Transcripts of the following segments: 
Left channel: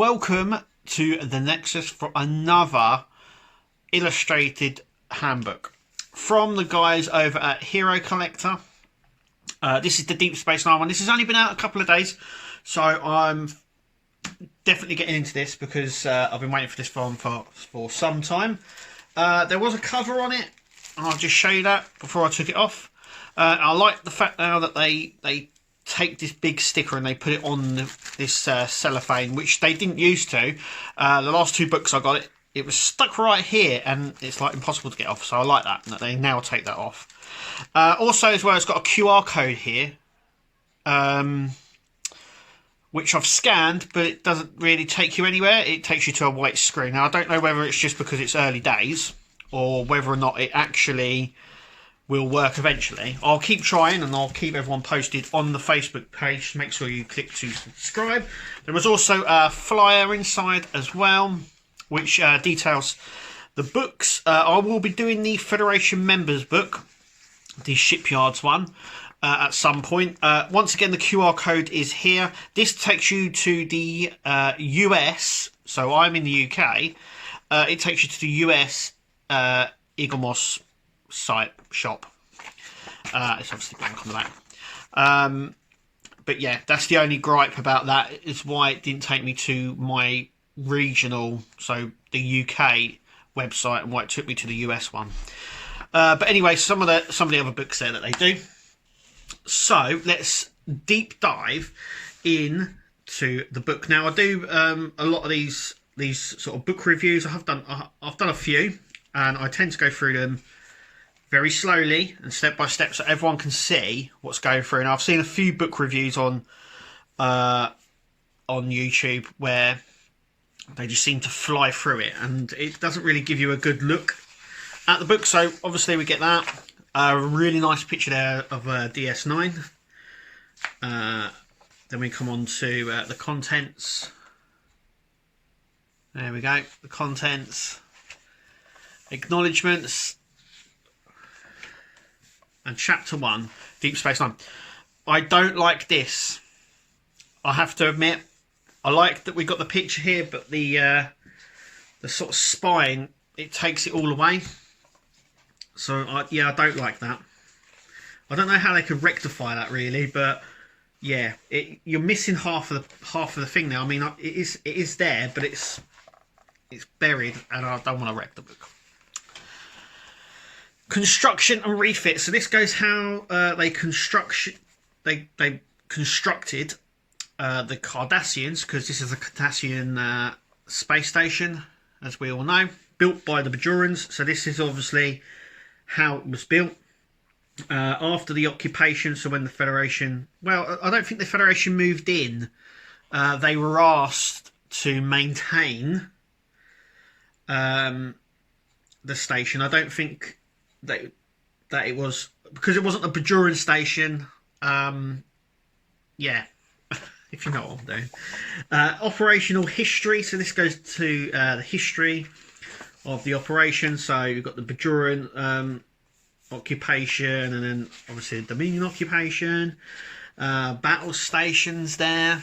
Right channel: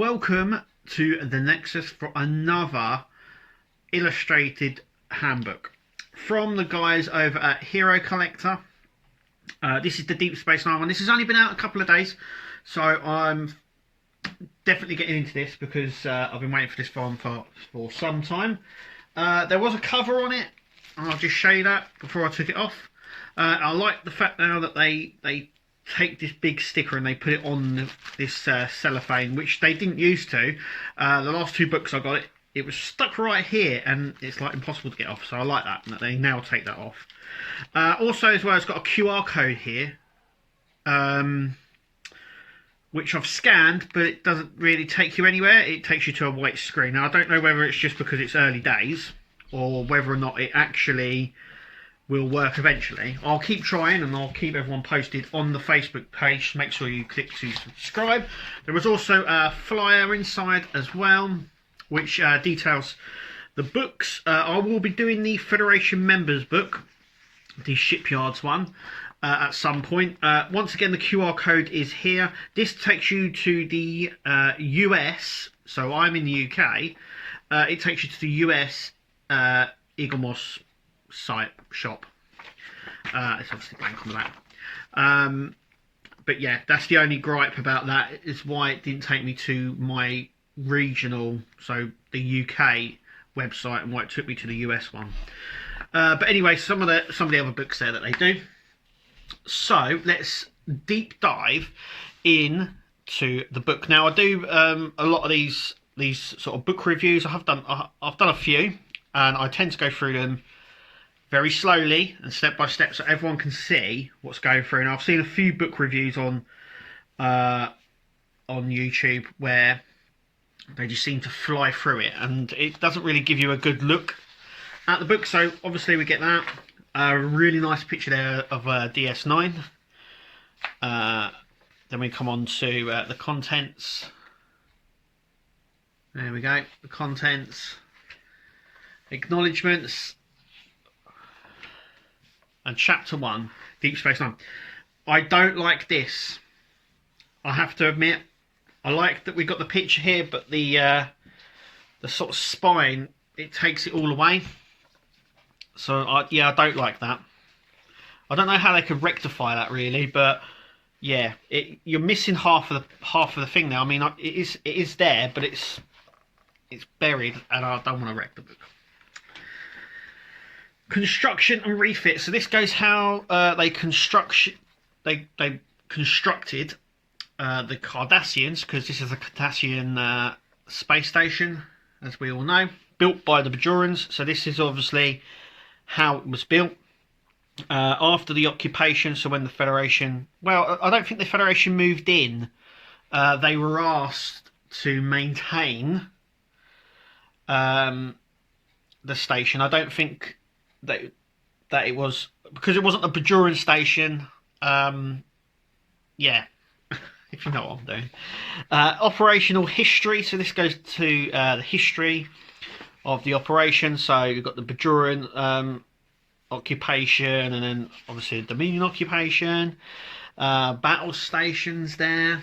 welcome to the Nexus for another illustrated handbook from the guys over at Hero Collector. This is the Deep Space Nine one. This has only been out a couple of days, so I'm definitely getting into this because I've been waiting for this one for some time. There was a cover on it, and I'll just show you that before I took it off. I like the fact now that they take this big sticker and they put it on this cellophane, which they didn't used to. The last two books I got, it was stuck right here, and it's like impossible to get off. So I like that they now take that off. Also, as well, it's got a QR code here, which I've scanned, but it doesn't really take you anywhere. It takes you to a white screen. Now, I don't know whether it's just because it's early days or whether or not it actually will work eventually. I'll keep trying, and I'll keep everyone posted on the Facebook page. Make sure you click to subscribe. There was also a flyer inside as well, which details the books. I will be doing the Federation members book, the Shipyards one, at some point. Once again, the QR code is here. This takes you to the US, so I'm in the UK. It takes you to the US Eaglemoss site shop. It's obviously blank on the map. But yeah, that's the only gripe about that, is why it didn't take me to my regional, so the UK website, and why it took me to the US one. But anyway, some of the other books there that they do. So let's deep dive into the book. Now, I do a lot of these sort of book reviews. I've done a few, and I tend to go through them very slowly and step by step, so everyone can see what's going through. And I've seen a few book reviews on YouTube where they just seem to fly through it, and it doesn't really give you a good look at the book. So obviously we get that. A really nice picture there of DS9. Then we come on to the contents. There we go. The contents, acknowledgements, and chapter 1, Deep Space Nine. I don't like this. I have to admit, I like that we got the picture here, but the sort of spine, it takes it all away. So yeah, I don't like that. I don't know how they could rectify that really, but yeah, you're missing half of the thing now. I mean, it is there, but it's buried, and I don't want to wreck the book. Construction and refit. So this goes how they constructed the Cardassians, because this is a Cardassian space station, as we all know, built by the Bajorans. So this is obviously how it was built after the occupation. So when the Federation, well, I don't think the Federation moved in. They were asked to maintain the station. I don't think that it was, because it wasn't a Bajoran station. Yeah, if you know what I'm doing. Operational history. So this goes to the history of the operation. So you've got the Bajoran occupation, and then obviously the Dominion occupation. Battle stations there.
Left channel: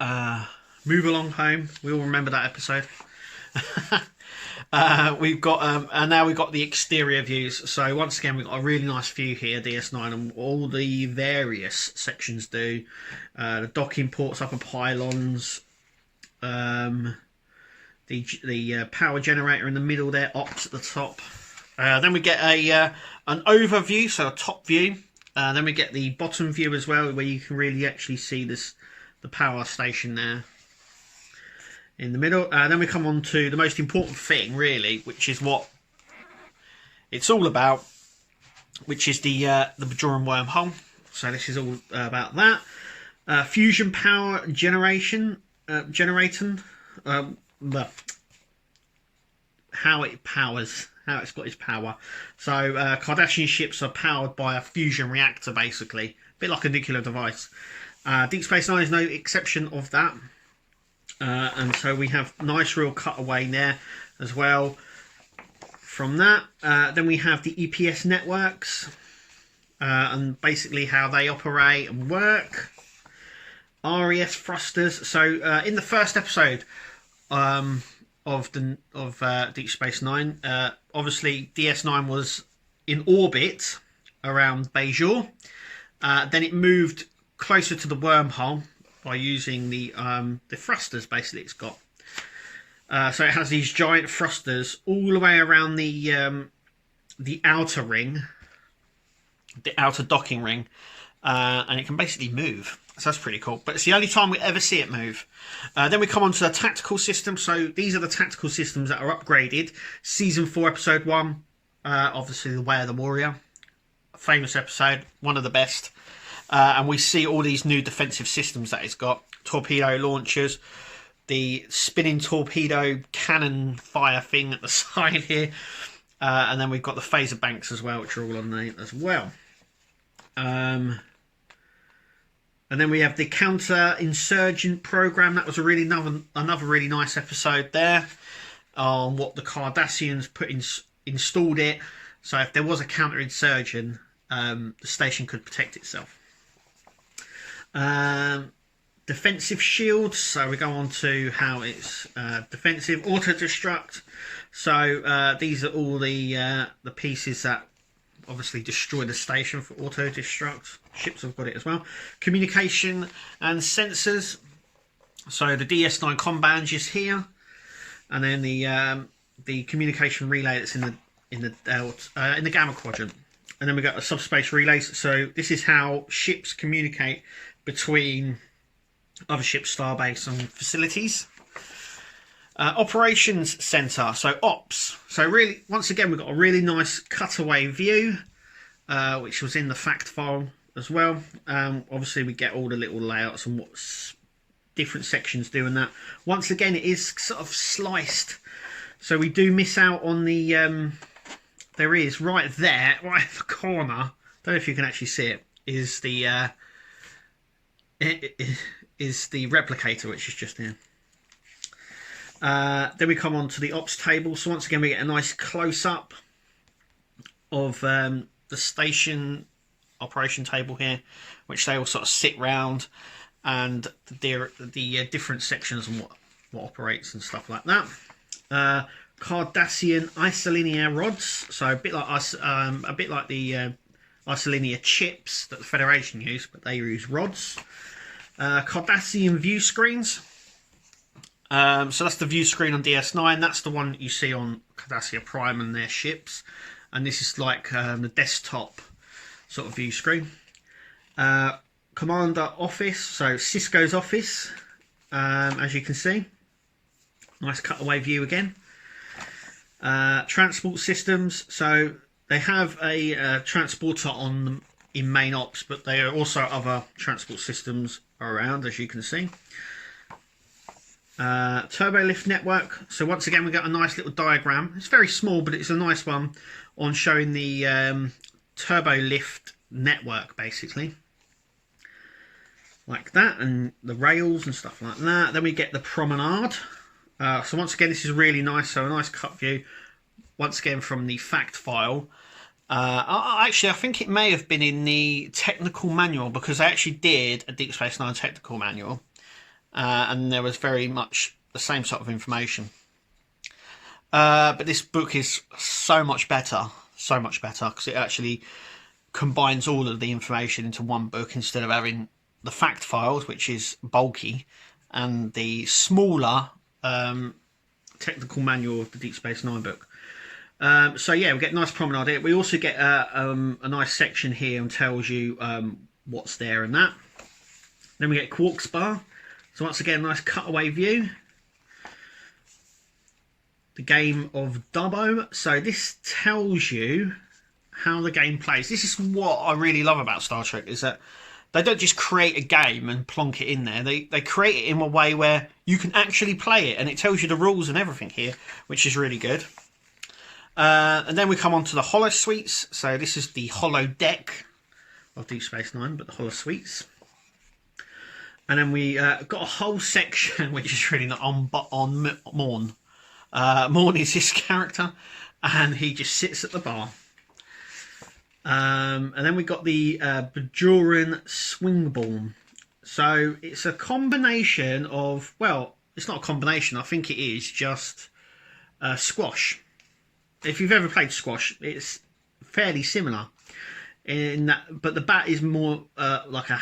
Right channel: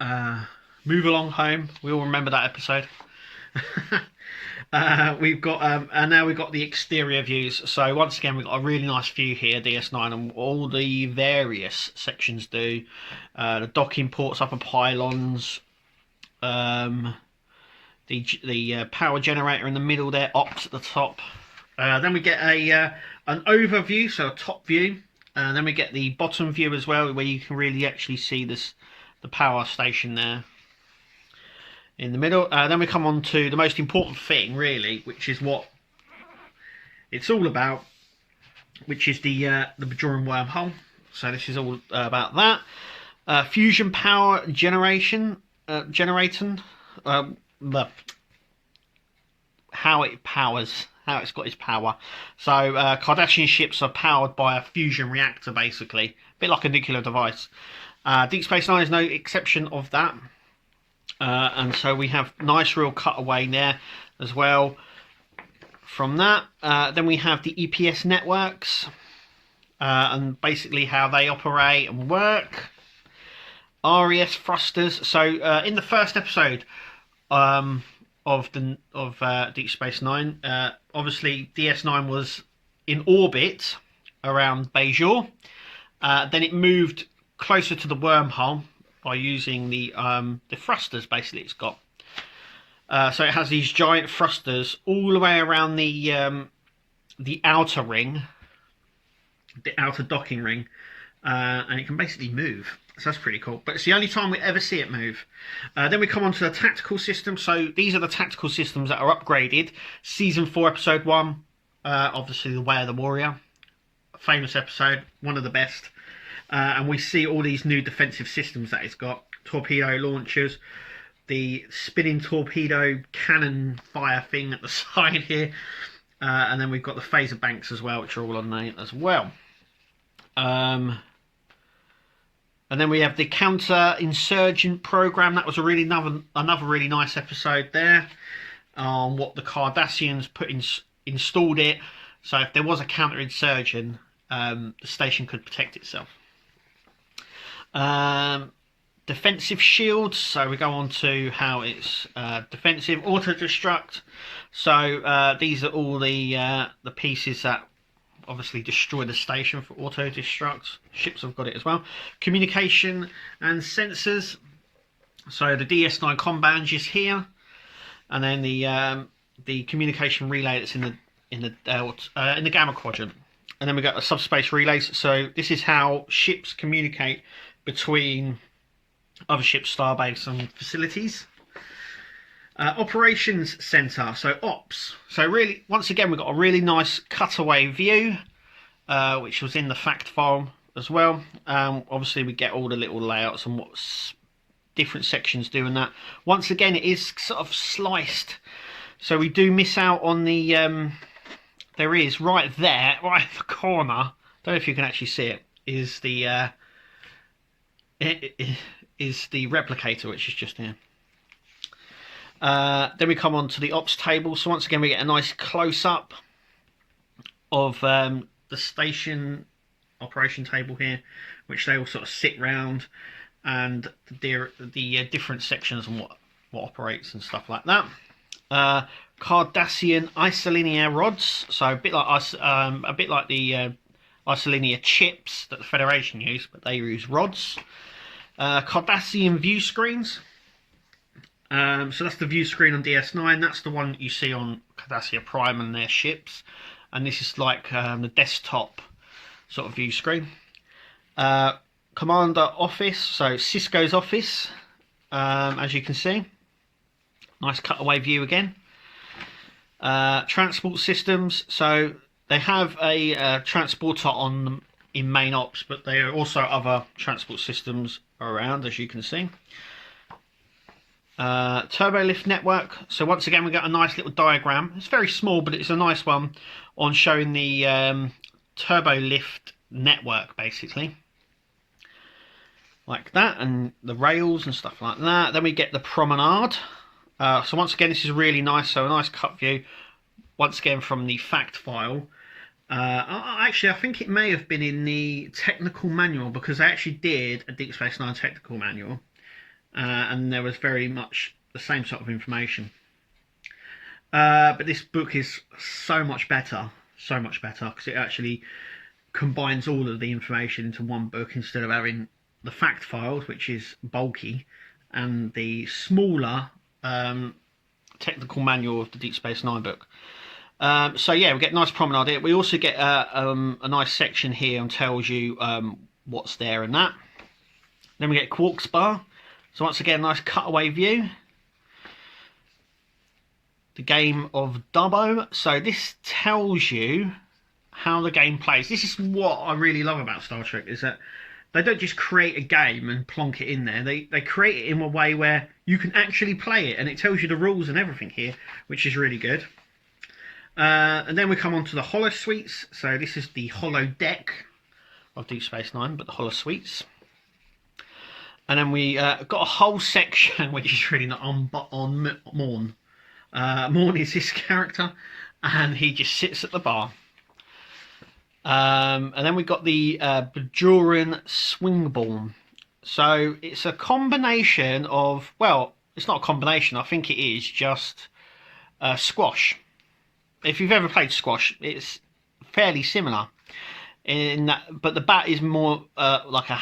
Move along home. We all remember that episode. We've got and now we've got the exterior views. So once again, we've got a really nice view here, DS9, and all the various sections do. The docking ports, upper pylons, the power generator in the middle there, ops at the top. Then we get an overview, so a top view. Then we get the bottom view as well, where you can really actually see the power station there in the middle. Then we come on to the most important thing, really, which is what it's all about, which is the Bajoran wormhole. So this is all about that. Fusion power generating, how it powers, how it's got its power. So Cardassian ships are powered by a fusion reactor, basically, a bit like a nuclear device. Deep Space Nine is no exception of that. And so we have nice real cutaway there as well from that. Then we have the EPS Networks, and basically how they operate and work. RES thrusters. So in the first episode of Deep Space Nine, obviously DS9 was in orbit around Bajor. Then it moved closer to the wormhole by using the thrusters. Basically, it's got so it has these giant thrusters all the way around the outer ring, the outer docking ring, and it can basically move. So that's pretty cool. But it's the only time we ever see it move. Then we come on to the tactical system. So these are the tactical systems that are upgraded. Season 4, Episode 1, obviously The Way of the Warrior. Famous episode, one of the best. And we see all these new defensive systems that it's got. Torpedo launchers, the spinning torpedo cannon fire thing at the side here. And then we've got the phaser banks as well, which are all on there as well. And then we have the counter-insurgent program. That was a really another really nice episode there on what the Cardassians installed it. So if there was a counter-insurgent, the station could protect itself. Defensive shields. So we go on to how it's defensive. Auto-destruct. So these are all the pieces that obviously destroy the station for auto-destruct. Ships have got it as well. Communication and sensors. So the DS9 comm band is here, and then the communication relay that's in the gamma quadrant. And then we got the subspace relays. So this is how ships communicate between other ships, starbase and facilities. Operations center, so ops. So really, once again, we've got a really nice cutaway view, which was in the fact file as well. Obviously, we get all the little layouts and what different sections do and that. Once again, it is sort of sliced, so we do miss out on the. There is right there, right in the corner. Don't know if you can actually see it. Is the is the replicator, which is just here. Then we come on to the ops table. So once again, we get a nice close-up of the station operation table here, which they all sort of sit round, and the different sections and what operates and stuff like that. Cardassian isolinear rods, so a bit like the isolinear chips that the Federation use, but they use rods. Cardassian view screens. So that's the view screen on DS9. That's the one that you see on Cardassia Prime and their ships. And this is like the desktop sort of view screen. Commander office, so Cisco's office, as you can see. Nice cutaway view again. Transport systems, so they have a transporter on in main ops, but there are also other transport systems around, as you can see. Turbo lift network. So once again, we got a nice little diagram. It's very small, but it's a nice one on showing the turbo lift network, basically, like that, and the rails and stuff like that. Then we get the promenade. So once again, this is really nice. So a nice cut view, once again from the fact file. Actually, I think it may have been in the technical manual, because I actually did a Deep Space Nine technical manual. And there was very much the same sort of information. But this book is so much better, because it actually combines all of the information into one book instead of having the fact files, which is bulky, and the smaller technical manual of the Deep Space Nine book. So yeah, we get nice promenade here. We also get a nice section here and tells you what's there and that. Then we get Quarks Bar. So once again, nice cutaway view. The game of Dubbo. So this tells you how the game plays. This is what I really love about Star Trek, is that they don't just create a game and plonk it in there. They create it in a way where you can actually play it, and it tells you the rules and everything here, which is really good. And then we come on to the holo suites. So this is the holo deck of Deep Space Nine, but the holo suites. And then we got a whole section which is really not on Morn. Morn is this character, and he just sits at the bar. And then we got the Bajoran Swingborn. So it's a combination of, well, it's not a combination, I think it is just squash. If you've ever played squash, it's fairly similar in that, but the bat is more like a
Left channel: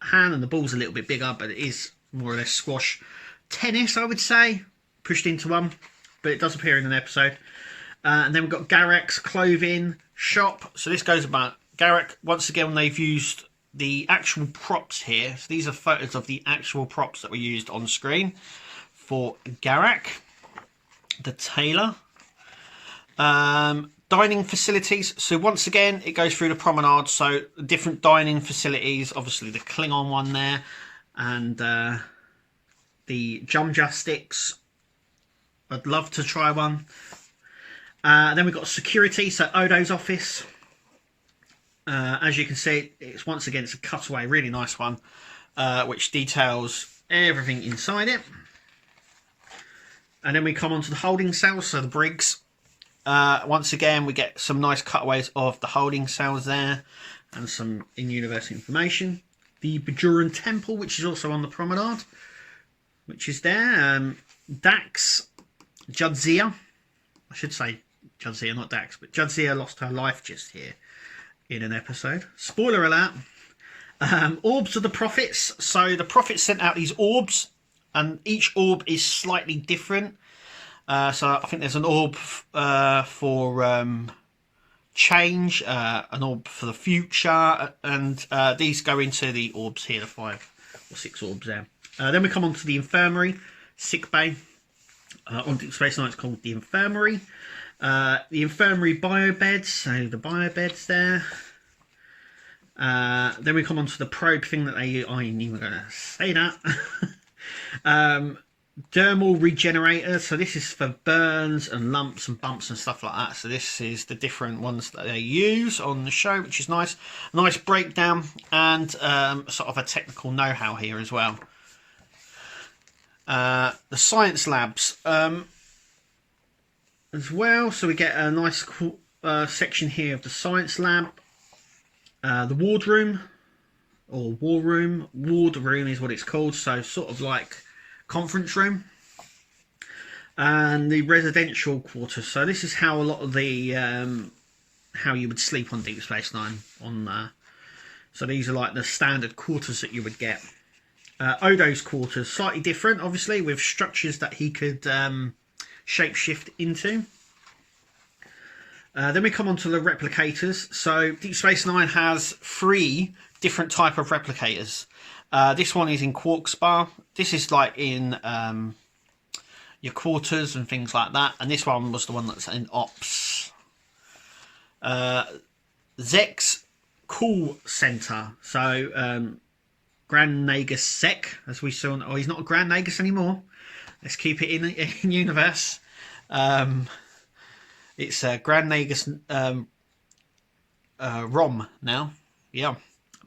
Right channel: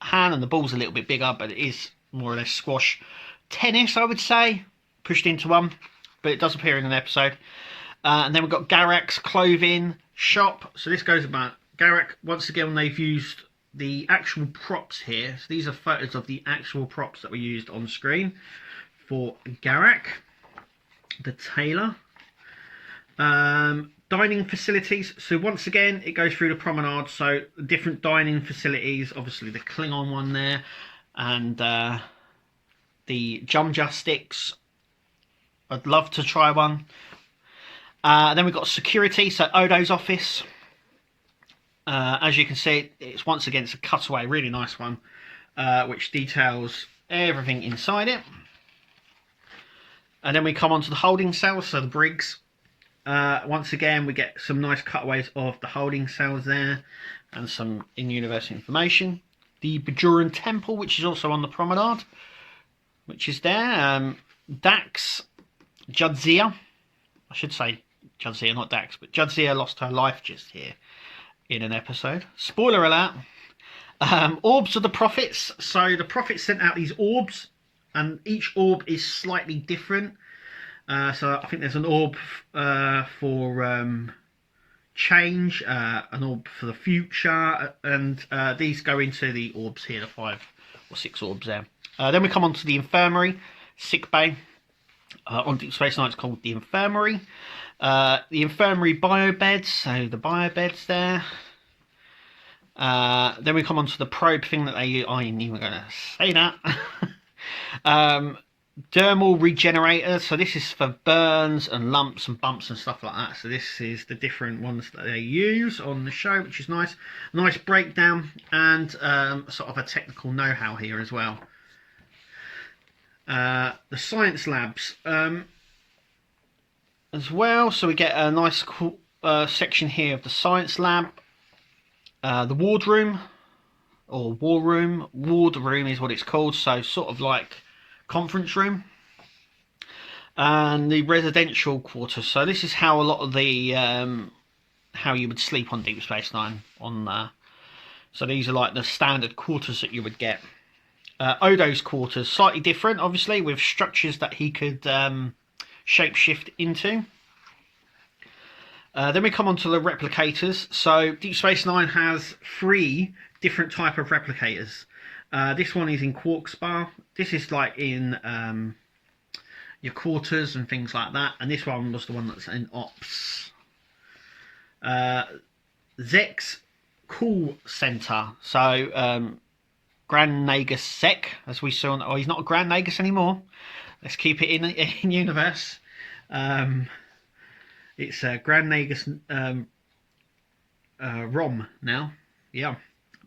hand and the ball's a little bit bigger, but it is more or less squash. Tennis, I would say, pushed into one, but it does appear in an episode. And then we've got Garak's clothing shop. So this goes about Garak. Once again, they've used the actual props here. So these are photos of the actual props that were used on screen for Garak, the tailor. Dining facilities. So once again, it goes through the promenade. So different dining facilities. Obviously, the Klingon one there, and the Jumja sticks. I'd love to try one. Then we've got security. So Odo's office. As you can see, it's once again it's a cutaway, really nice one, which details everything inside it. And then we come on to the holding cells. So the Briggs. Once again, we get some nice cutaways of the holding cells there and some in-universe information. The Bajoran Temple, which is also on the promenade, which is there. Dax, Jadzia, I should say Jadzia, not Dax, but Jadzia lost her life just here in an episode. Spoiler alert. Orbs of the Prophets. So the Prophets sent out these orbs, and each orb is slightly different. So I think there's an orb for change, an orb for the future, and these go into the orbs here, the 5 or 6 orbs there. Then we come on to the Infirmary, sick bay. On Deep Space Nine it's called the Infirmary. The Infirmary biobeds, so the biobeds there. Then we come on to the probe thing that they... I ain't even going to say that. Dermal regenerator, so this is for burns and lumps and bumps and stuff like that. So this is the different ones that they use on the show, which is nice. Nice breakdown and sort of a technical know-how here as well. The science labs as well. So we get a nice cool, section here of the science lab. The wardroom, or war room. Ward room is what it's called. So sort of like conference room, and the residential quarters. So this is how a lot of the how you would sleep on Deep Space Nine. So these are like the standard quarters that you would get. Odo's quarters, slightly different, obviously, with structures that he could shapeshift into. Then we come on to the replicators. So Deep Space Nine has 3 different type of replicators. This one is in quark spar. This is like in your quarters and things like that. And this one was the one that's in ops. Zek's call center. So Grand Nagus Zek, as we saw. Oh, he's not a Grand Nagus anymore. Let's keep it in universe. It's Grand Nagus ROM now. Yeah.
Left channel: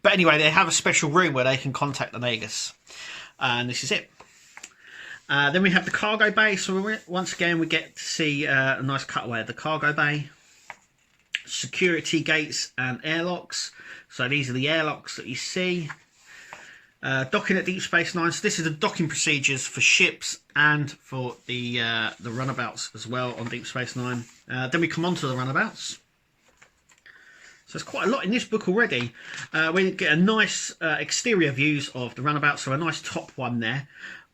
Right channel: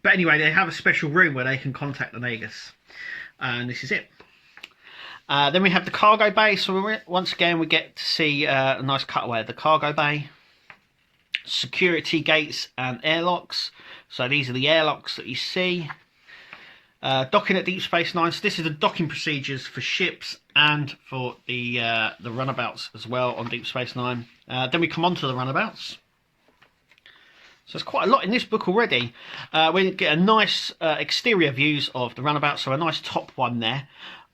But anyway, they have a special room where they can contact the Nagus. And this is it. Then we have the cargo bay. So once again, we get to see a nice cutaway of the cargo bay. Security gates and airlocks. So these are the airlocks that you see. Docking at Deep Space Nine. So this is the docking procedures for ships and for the runabouts as well on Deep Space Nine. Then we come on to the runabouts. So there's quite a lot in this book already. We get a nice exterior views of the runabout. So a nice top one there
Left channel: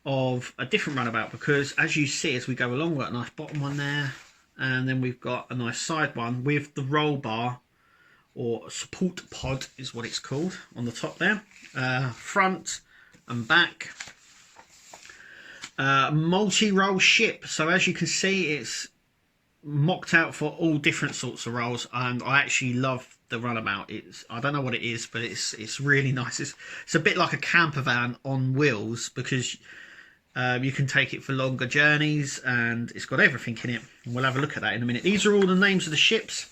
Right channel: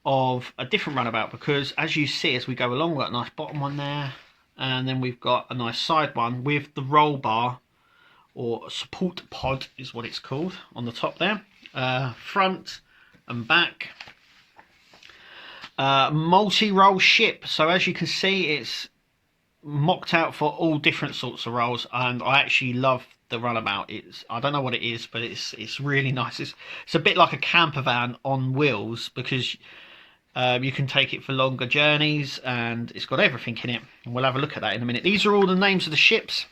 of a different runabout, because as you see as we go along, we've got a nice bottom one there. And then we've got a nice side one with the roll bar, or support pod is what it's called, on the top there. Front and back. Multi-role ship. So as you can see, it's mocked out for all different sorts of roles, and I actually love the runabout. I don't know what it is, but it's really nice. It's a bit like a camper van on wheels, because you can take it for longer journeys, and it's got everything in it, and we'll have a look at that in a minute. These are all the names of the ships.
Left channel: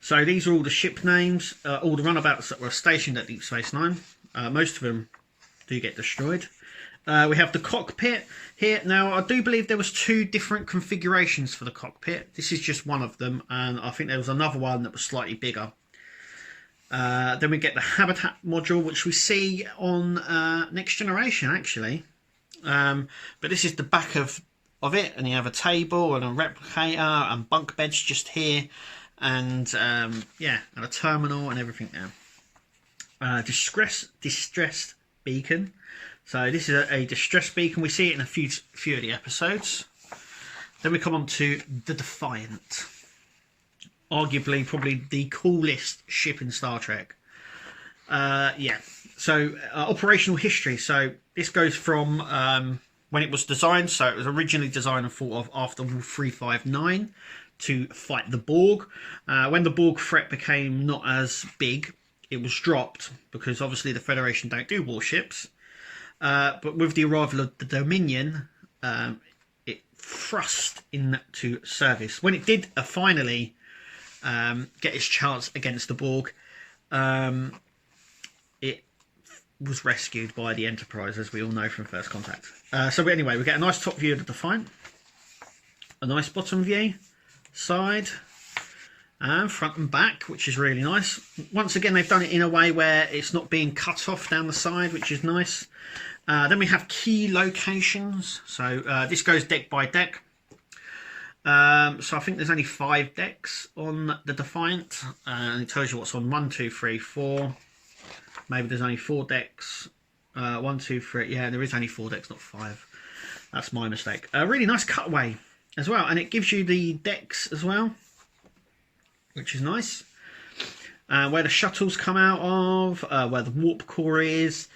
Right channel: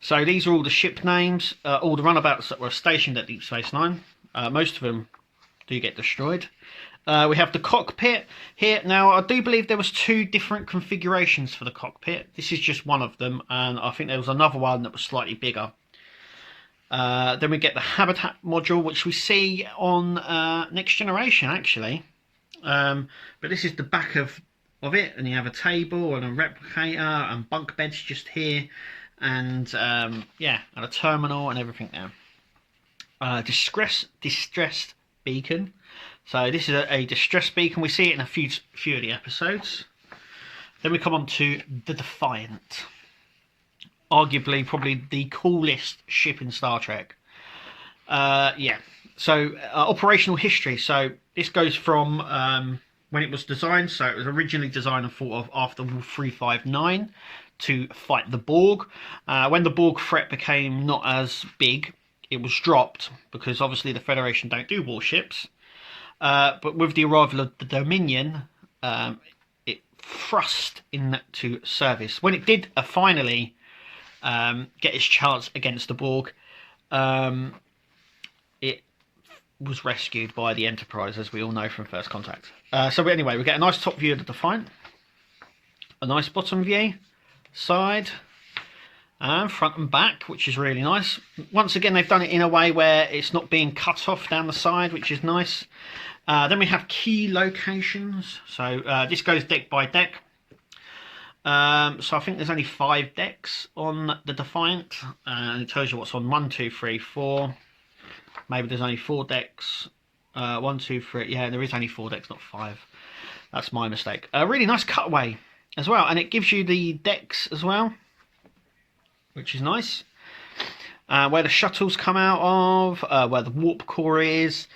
So these are all the ship names, all the runabouts that were stationed at Deep Space Nine. Most of them do get destroyed. We have the cockpit here. Now, I do believe there was 2 different configurations for the cockpit. This is just one of them, and I think there was another one that was slightly bigger. Then we get the habitat module, which we see on Next Generation, actually. But this is the back of it, and you have a table and a replicator and bunk beds just here, and yeah, and a terminal and everything there. Distressed beacon. So this is a distress beacon. We see it in a few of the episodes. Then we come on to the Defiant. Arguably, probably the coolest ship in Star Trek. Yeah. So operational history. So this goes from when it was designed. So it was originally designed and thought of after War 359 to fight the Borg. When the Borg threat became not as big, it was dropped because obviously the Federation don't do warships. But with the arrival of the Dominion, it thrust into service. When it did finally get its chance against the Borg, it was rescued by the Enterprise, as we all know from First Contact. So anyway, we get a nice top view of the Defiant, a nice bottom view, side, and front and back, which is really nice. Once again, they've done it in a way where it's not being cut off down the side, which is nice. Then we have key locations. So this goes deck by deck. So I think there's only 5 decks on the Defiant, and it tells you what's on 1, 2, 3, 4. Maybe there's only 4 decks. 1, 2, 3. Yeah, there is only 4 decks, not 5. That's my mistake. A really nice cutaway as well, and it gives you the decks as well, which is nice. Where the shuttles come out of, where the warp core is,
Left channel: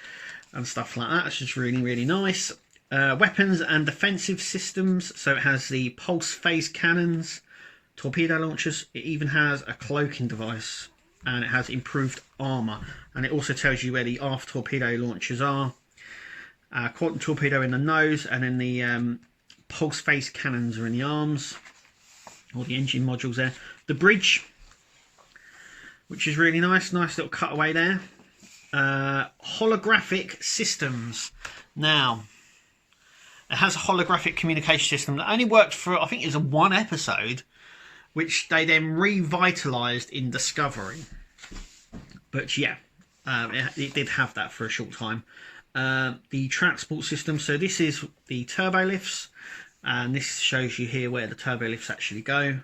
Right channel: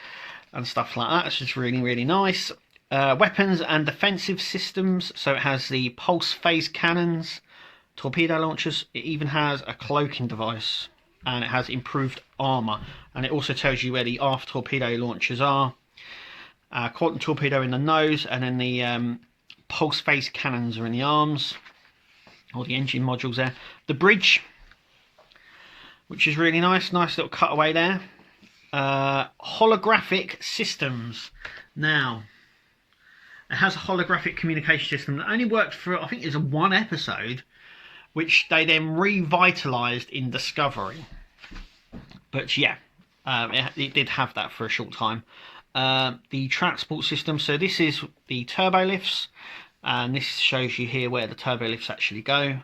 and stuff like that. It's just really, really nice. Weapons and defensive systems. So it has the pulse phase cannons, torpedo launchers. It even has a cloaking device, and it has improved armor. And it also tells you where the aft torpedo launchers are. Quantum torpedo in the nose, and then the pulse phase cannons are in the arms, or the engine modules there. The bridge, which is really nice. Nice little cutaway there. Holographic systems. Now, it has a holographic communication system that only worked for, I think it was 1 episode, which they then revitalized in Discovery. But yeah, it did have that for a short time. The transport system. So this is the turbo lifts, and this shows you here where the turbo lifts actually go.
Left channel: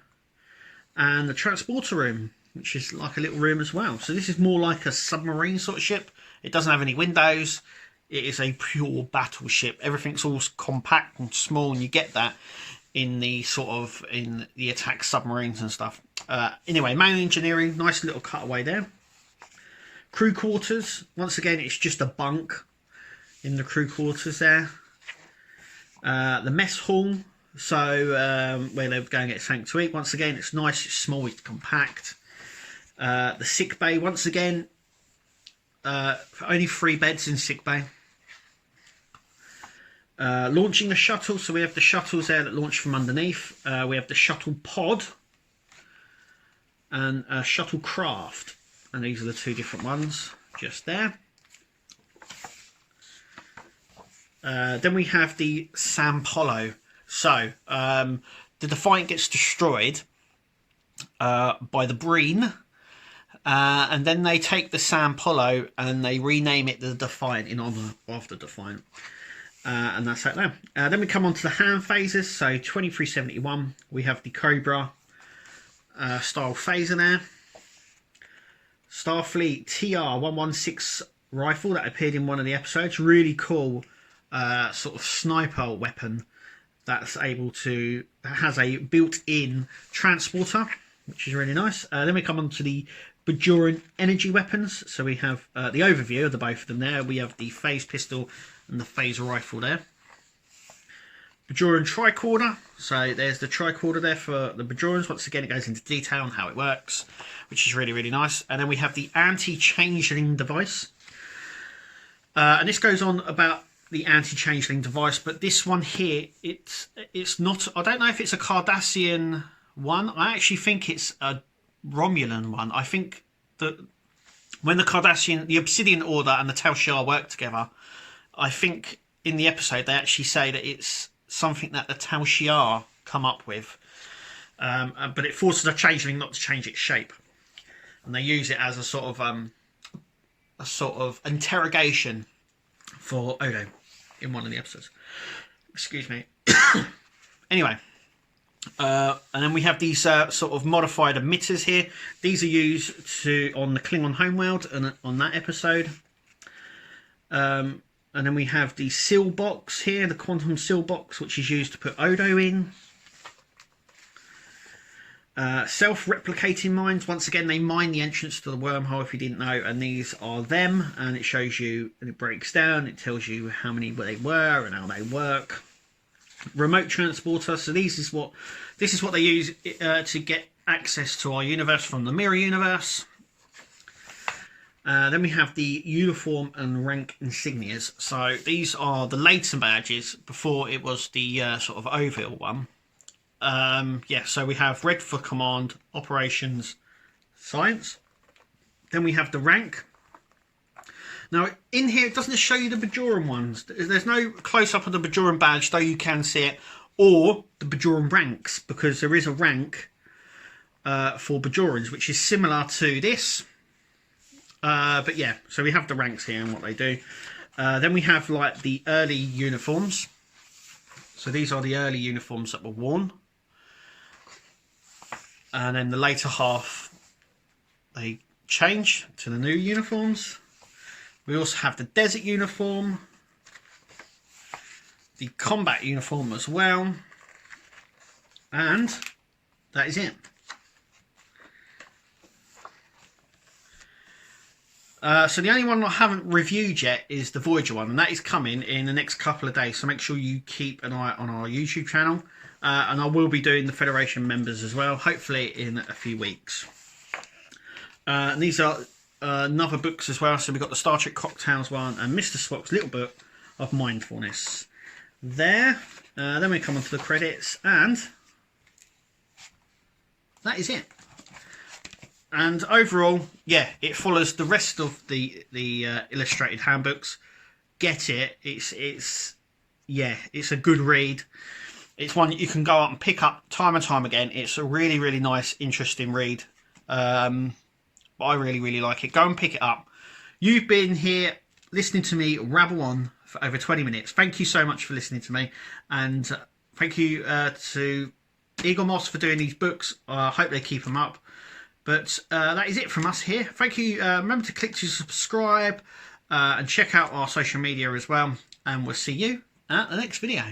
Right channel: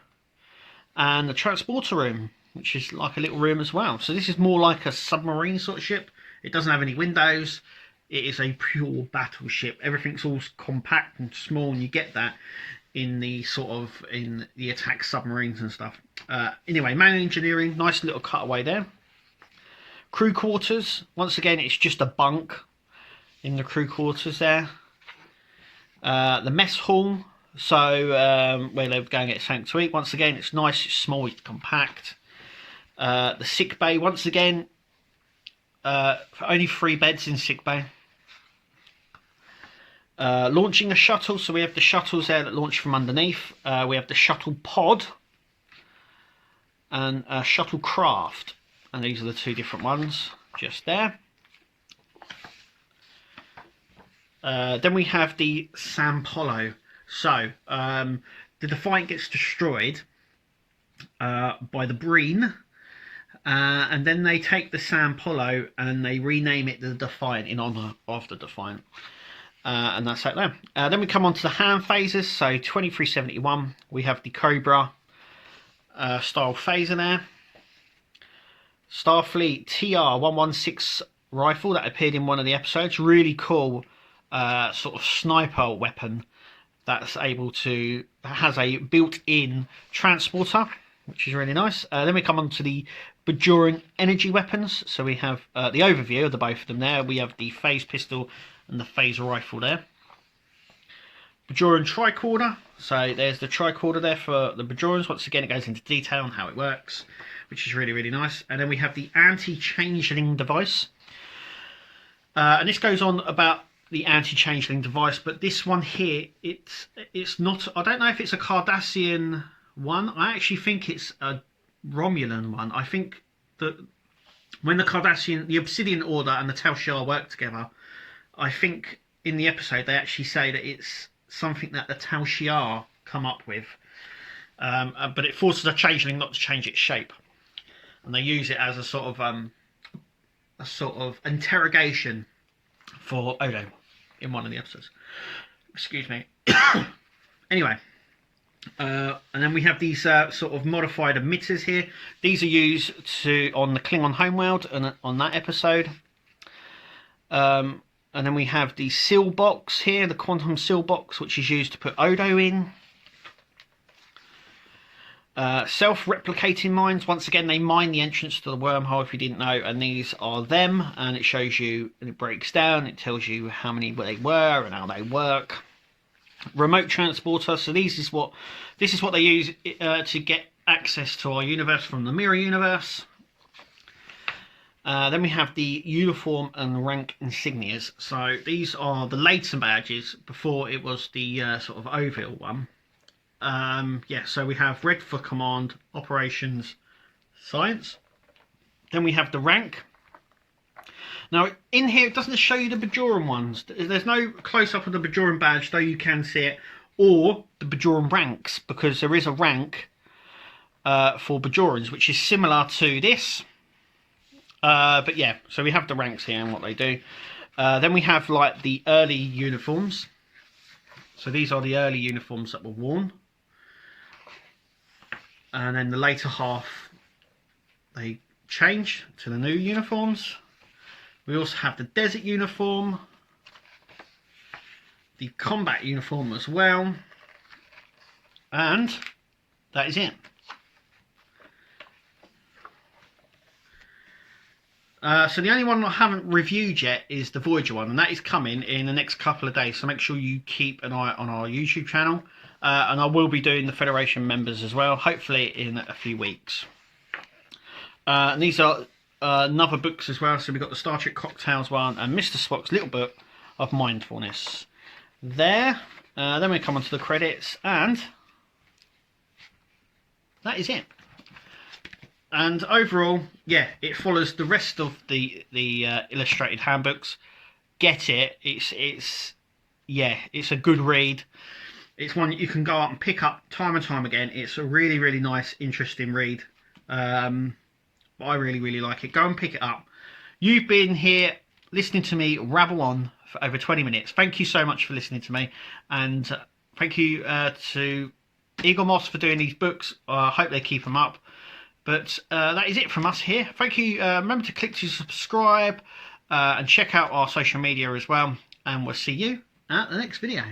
And the transporter room, which is like a little room as well. So this is more like a submarine sort of ship. It doesn't have any windows. It is a pure battleship. Everything's all compact and small, and you get that in the in the attack submarines and stuff. Anyway, main engineering, nice little cutaway there. Crew quarters. Once again, it's just a bunk in the crew quarters there. The mess hall. So where they're going to get something to eat. Once again, it's nice, it's small, it's compact. The sick bay, once again, only 3 beds in sick bay. Launching a shuttle, so we have the shuttles there that launch from underneath. We have the shuttle pod and a shuttle craft, and these are the 2 different ones just there. Then we have the Sampolo. So the Defiant gets destroyed by the Breen. And then they take the Sampolo and they rename it the Defiant in honour of the Defiant. And that's that there. Then we come on to the hand phases. So 2371, we have the Cobra style phaser there. Starfleet TR-116 rifle that appeared in one of the episodes. Really cool sort of sniper weapon that's able to, has a built-in transporter, which is really nice. Then we come on to the Bajoran energy weapons. So we have the overview of the both of them there. We have the phase pistol and the phase rifle there. Bajoran tricorder. So there's the tricorder there for the Bajorans. Once again, it goes into detail on how it works, which is really, really nice. And then we have the anti-changeling device. And this goes on about the anti-changeling device, but this one here, it's not, I don't know if it's a Cardassian one. I actually think it's a Romulan one. I think that when the Obsidian Order and the Tal Shiar work together, I think in the episode they actually say that it's something that the Tal Shiar come up with, but it forces a changeling not to change its shape. and they use it as a sort of interrogation for Odo in one of the episodes. Excuse me. Anyway, and then we have these sort of modified emitters here. These are used on the Klingon homeworld and on that episode. And then we have the seal box here, the quantum seal box, which is used to put Odo in. Self-replicating mines. Once again, they mine the entrance to the wormhole, if you didn't know, and these are them, and it shows you, and it breaks down, it tells you how many they were and how they work. Remote transporter. So this is what they use to get access to our universe from the mirror universe. Then we have the uniform and rank insignias. So these are the later badges before it was the sort of Ovil one. Yeah, so we have red for command, operations, science. Then we have the rank. Now in here it doesn't show you the Bajoran ones. There's no close-up of the Bajoran badge, though you can see it, or the Bajoran ranks, because there is a rank for Bajorans, which is similar to this. But yeah, so we have the ranks here and what they do. Then we have like the early uniforms. So these are the early uniforms that were worn. And then the later half, they change to the new uniforms. We also have the desert uniform, the combat uniform as well. And that is it. So the only one I haven't reviewed yet is the Voyager one, and that is coming in the next couple of days. So make sure you keep an eye on our YouTube channel, and I will be doing the Federation members as well, hopefully in a few weeks. And these are another books as well. So we've got the Star Trek Cocktails one and Mr. Spock's Little Book of Mindfulness. There. Then we come on to the credits, and that is it. And overall, yeah, it follows the rest of the illustrated handbooks. Get it? It's a good read. It's one you can go up and pick up time and time again. It's a really, really nice, interesting read. I really, really like it. Go and pick it up. You've been here listening to me rabble on for over 20 minutes. Thank you so much for listening to me, and thank you to Eagle Moss for doing these books. I hope they keep them up. But that is it from us here. Thank you. Remember to click to subscribe and check out our social media as well. And we'll see you at the next video.